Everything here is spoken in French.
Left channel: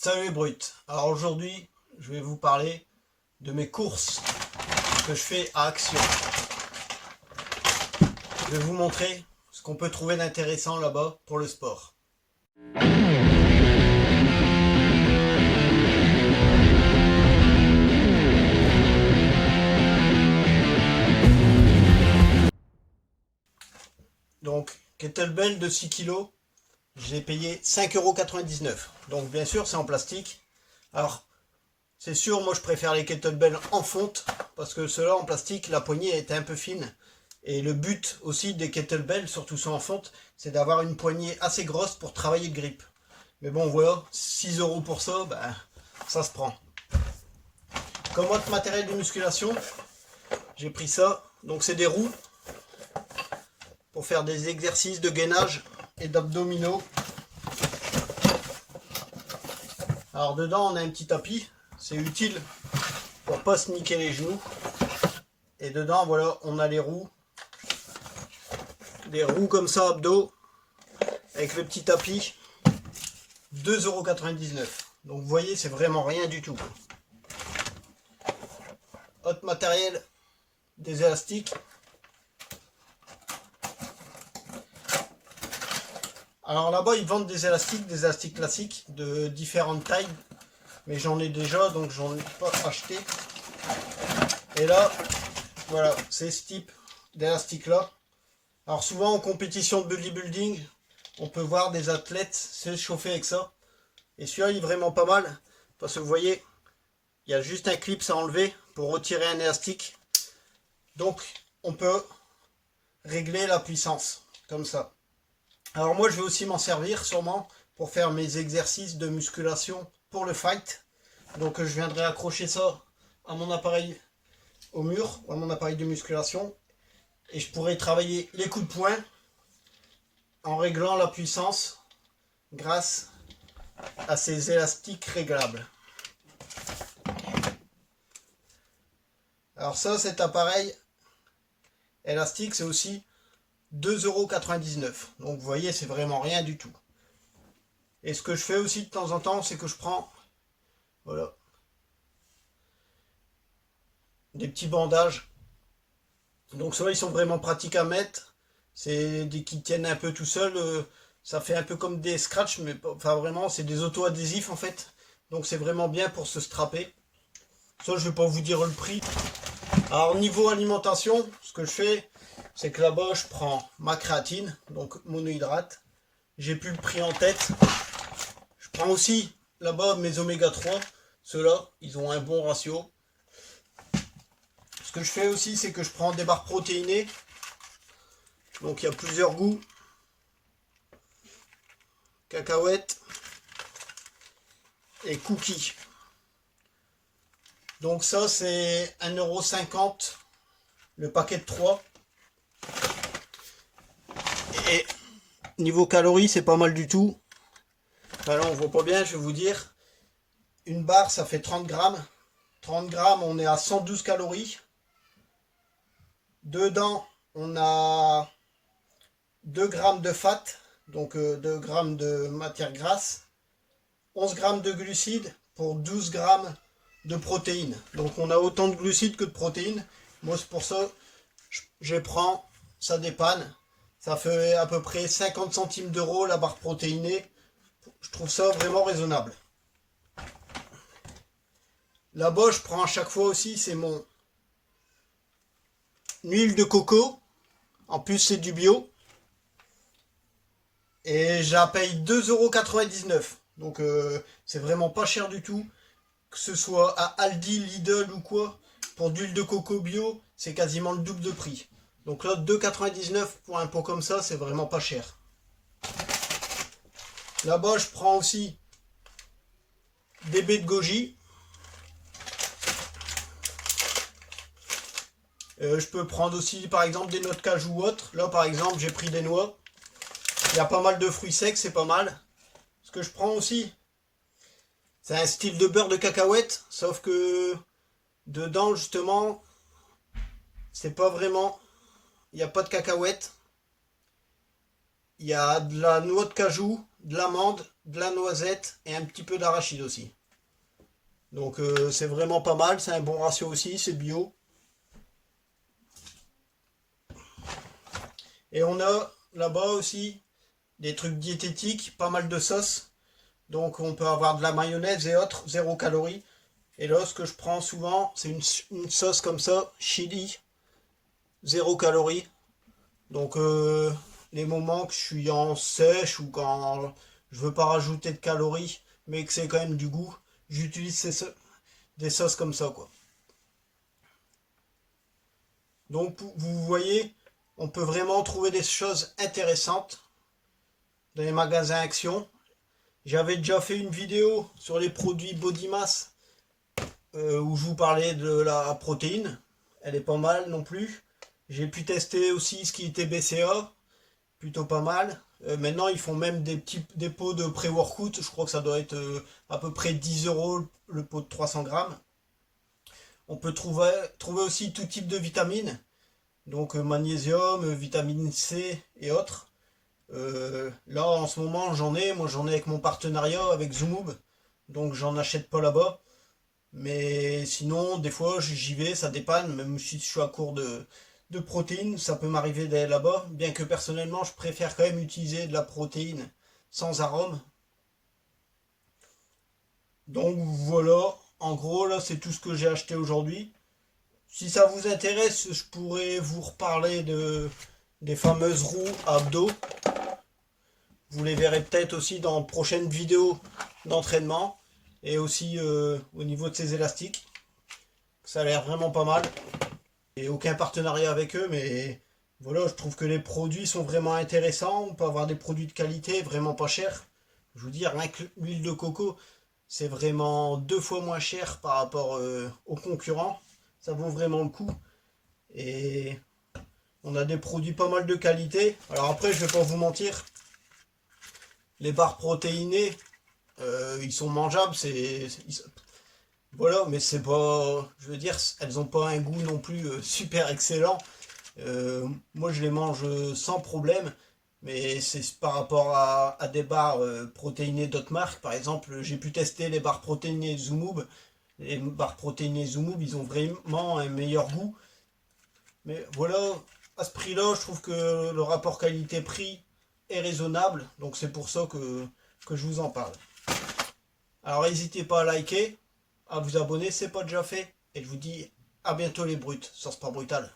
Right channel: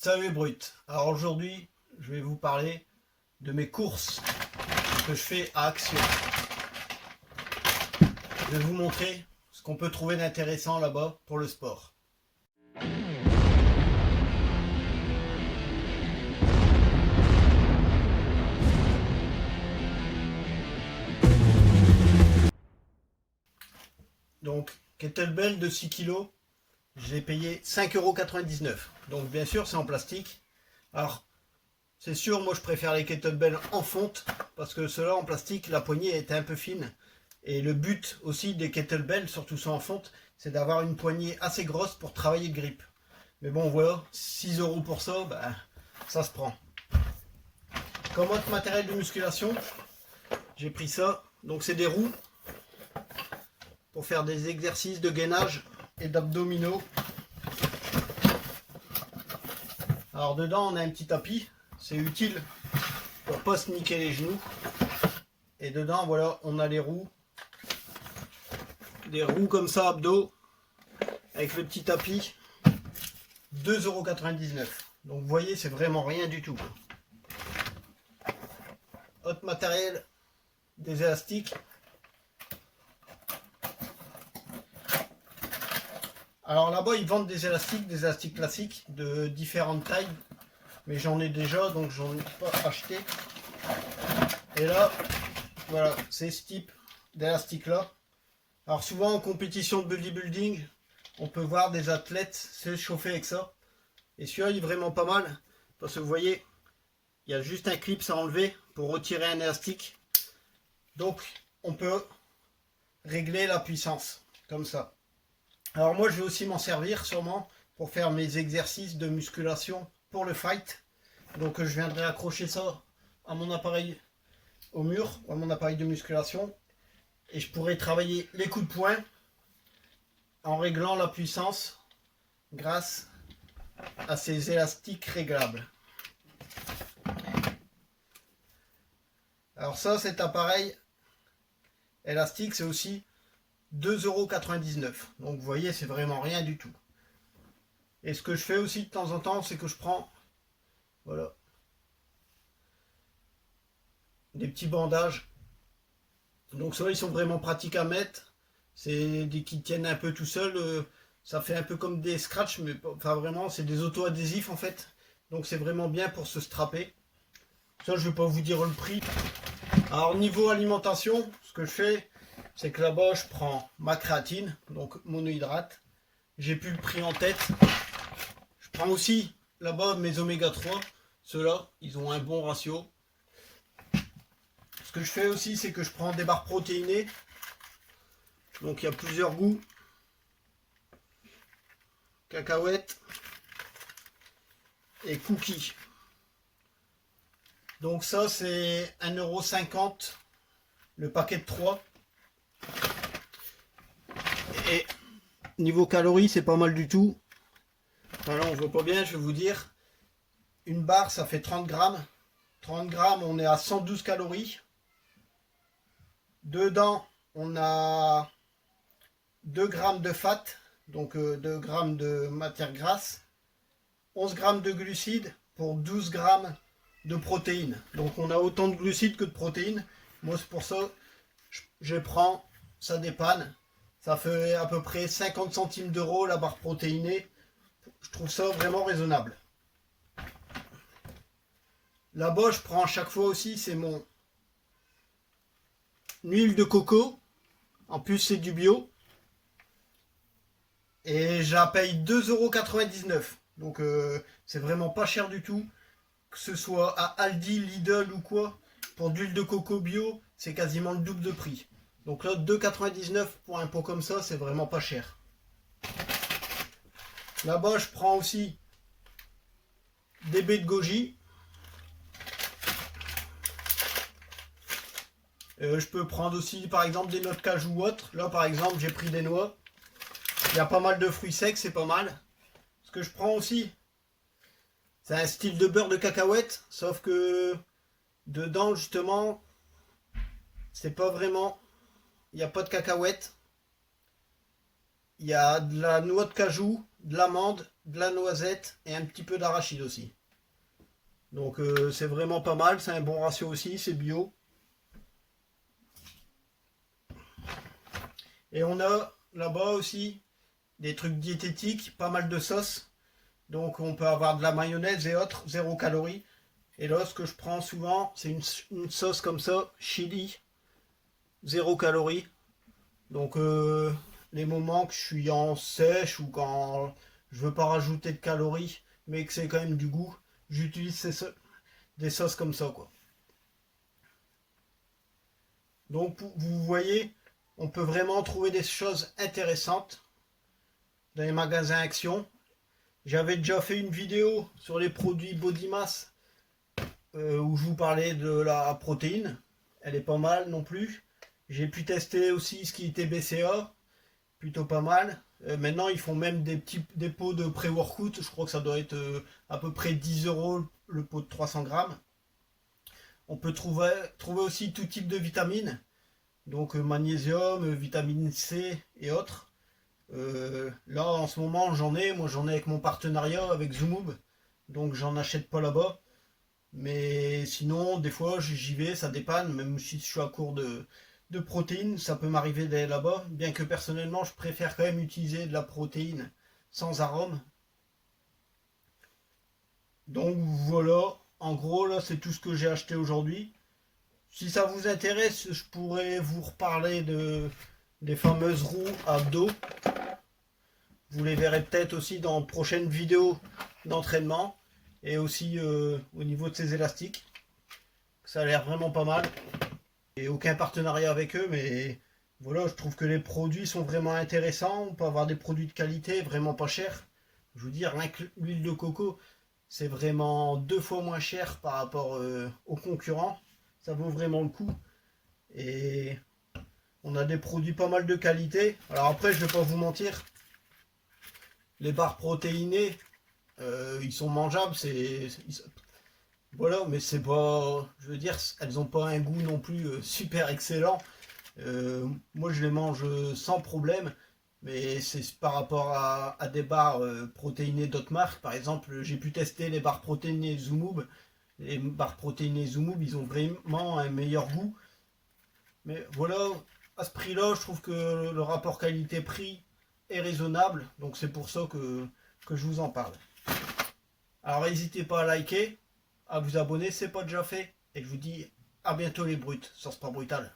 Salut Brut. Alors aujourd'hui, je vais vous parler de mes courses que je fais à Action. Je vais vous montrer ce qu'on peut trouver d'intéressant là-bas pour le sport. Donc, kettlebell de 6 kg, j'ai payé 5,99 €. Donc bien sûr, c'est en plastique. Alors, c'est sûr, moi je préfère les kettlebells en fonte, parce que ceux-là en plastique, la poignée était un peu fine. Et le but aussi des kettlebells, surtout ceux en fonte, c'est d'avoir une poignée assez grosse pour travailler le grip. Mais bon, voilà, 6 € pour ça, ben, ça se prend. Comme autre matériel de musculation, j'ai pris ça. Donc c'est des roues pour faire des exercices de gainage et d'abdominaux. Alors dedans, on a un petit tapis. C'est utile pour pas se niquer les genoux. Et dedans, voilà, on a les roues. Des roues comme ça, abdos, avec le petit tapis. 2,99 €. Donc vous voyez, c'est vraiment rien du tout. Autre matériel, des élastiques. Alors là-bas, ils vendent des élastiques classiques de différentes tailles. Mais j'en ai déjà, donc j'en ai pas acheté. Et là, voilà, c'est ce type d'élastique là. Alors souvent en compétition de bodybuilding, on peut voir des athlètes se chauffer avec ça. Et celui-là, il est vraiment pas mal. Parce que vous voyez, il y a juste un clip à enlever pour retirer un élastique. Donc, on peut régler la puissance, comme ça. Alors moi, je vais aussi m'en servir sûrement pour faire mes exercices de musculation pour le fight. Donc, je viendrai accrocher ça à mon appareil au mur, ou à mon appareil de musculation. Et je pourrai travailler les coups de poing en réglant la puissance grâce à ces élastiques réglables. Alors ça, cet appareil élastique, c'est aussi 2,99 €. Donc vous voyez, c'est vraiment rien du tout. Et ce que je fais aussi de temps en temps, c'est que je prends, voilà, des petits bandages. Donc ceux-là, ils sont vraiment pratiques à mettre. C'est des qui tiennent un peu tout seuls. Ça fait un peu comme des scratchs, mais enfin vraiment, c'est des auto-adhésifs en fait. Donc c'est vraiment bien pour se strapper. Ça, je vais pas vous dire le prix. Alors niveau alimentation, ce que je fais, c'est que là-bas, je prends ma créatine, donc monohydrate. J'ai plus le prix en tête. Je prends aussi là-bas mes oméga 3. Ceux-là, ils ont un bon ratio. Ce que je fais aussi, c'est que je prends des barres protéinées. Donc il y a plusieurs goûts. Cacahuètes et cookies. Donc ça, c'est 1,50 € le paquet de 3. Et niveau calories, c'est pas mal du tout. Enfin là, on voit pas bien, je vais vous dire. Une barre, ça fait 30 grammes. 30 grammes, on est à 112 calories. Dedans, on a 2 grammes de fat, donc 2 grammes de matière grasse. 11 grammes de glucides pour 12 grammes de protéines. Donc on a autant de glucides que de protéines. Moi, c'est pour ça je prends, ça dépanne. Ça fait à peu près 50 centimes d'euros la barre protéinée. Je trouve ça vraiment raisonnable. Là-bas, je prends à chaque fois aussi, c'est mon huile de coco. En plus, c'est du bio. Et je la paye 2,99 €. Donc, c'est vraiment pas cher du tout. Que ce soit à Aldi, Lidl ou quoi. Pour d'huile de coco bio, c'est quasiment le double de prix. Donc là, 2,99 € pour un pot comme ça, c'est vraiment pas cher. Là-bas, je prends aussi des baies de goji. Je peux prendre aussi, par exemple, des noix de cajou ou autres. Là, par exemple, j'ai pris des noix. Il y a pas mal de fruits secs, c'est pas mal. Ce que je prends aussi, c'est un style de beurre de cacahuète. Sauf que dedans, justement, c'est pas vraiment... Il n'y a pas de cacahuètes. Il y a de la noix de cajou, de l'amande, de la noisette et un petit peu d'arachide aussi. Donc c'est vraiment pas mal, c'est un bon ratio aussi, c'est bio. Et on a là-bas aussi des trucs diététiques, pas mal de sauces. Donc on peut avoir de la mayonnaise et autres, 0 calories. Et là, ce que je prends souvent, c'est une sauce comme ça, chili, 0 calories. Donc les moments que je suis en sèche ou quand je veux pas rajouter de calories, mais que c'est quand même du goût, j'utilise des sauces comme ça, quoi. Donc vous voyez, on peut vraiment trouver des choses intéressantes dans les magasins Action. J'avais déjà fait une vidéo sur les produits Body Mass où je vous parlais de la protéine. Elle est pas mal non plus. J'ai pu tester aussi ce qui était BCA, plutôt pas mal. Maintenant, ils font même des pots de pré-workout. Je crois que ça doit être à peu près 10 € le pot de 300 grammes. On peut trouver aussi tout type de vitamines. Donc magnésium, vitamine C et autres. Là, en ce moment, moi j'en ai avec mon partenariat avec Zoomoub. Donc j'en achète pas là-bas. Mais sinon, des fois, j'y vais, ça dépanne. Même si je suis à court de protéines, ça peut m'arriver d'aller là-bas. Bien que personnellement, je préfère quand même utiliser de la protéine sans arôme. Donc voilà, en gros, là, c'est tout ce que j'ai acheté aujourd'hui. Si ça vous intéresse, je pourrais vous reparler des fameuses roues à abdos. Vous les verrez peut-être aussi dans de prochaines vidéos d'entraînement. Et aussi au niveau de ces élastiques. Ça a l'air vraiment pas mal. Et aucun partenariat avec eux, mais voilà, je trouve que les produits sont vraiment intéressants. On peut avoir des produits de qualité vraiment pas chers. Je veux dire, rien que l'huile de coco, c'est vraiment 2 fois moins cher par rapport aux concurrents. Ça vaut vraiment le coup. Et on a des produits pas mal de qualité. Alors après, je vais pas vous mentir, les barres protéinées, ils sont mangeables, voilà, mais c'est pas, je veux dire, elles ont pas un goût non plus super excellent. Moi, je les mange sans problème, mais c'est par rapport à des barres protéinées d'autres marques. Par exemple, j'ai pu tester les barres protéinées Zoomoub. Les barres protéinées Zoomoub, ils ont vraiment un meilleur goût. Mais voilà, à ce prix-là, je trouve que le rapport qualité-prix est raisonnable. Donc c'est pour ça que je vous en parle. Alors n'hésitez pas à liker, à vous abonner, c'est pas déjà fait. Et je vous dis à bientôt les brutes sur Sport Brutal.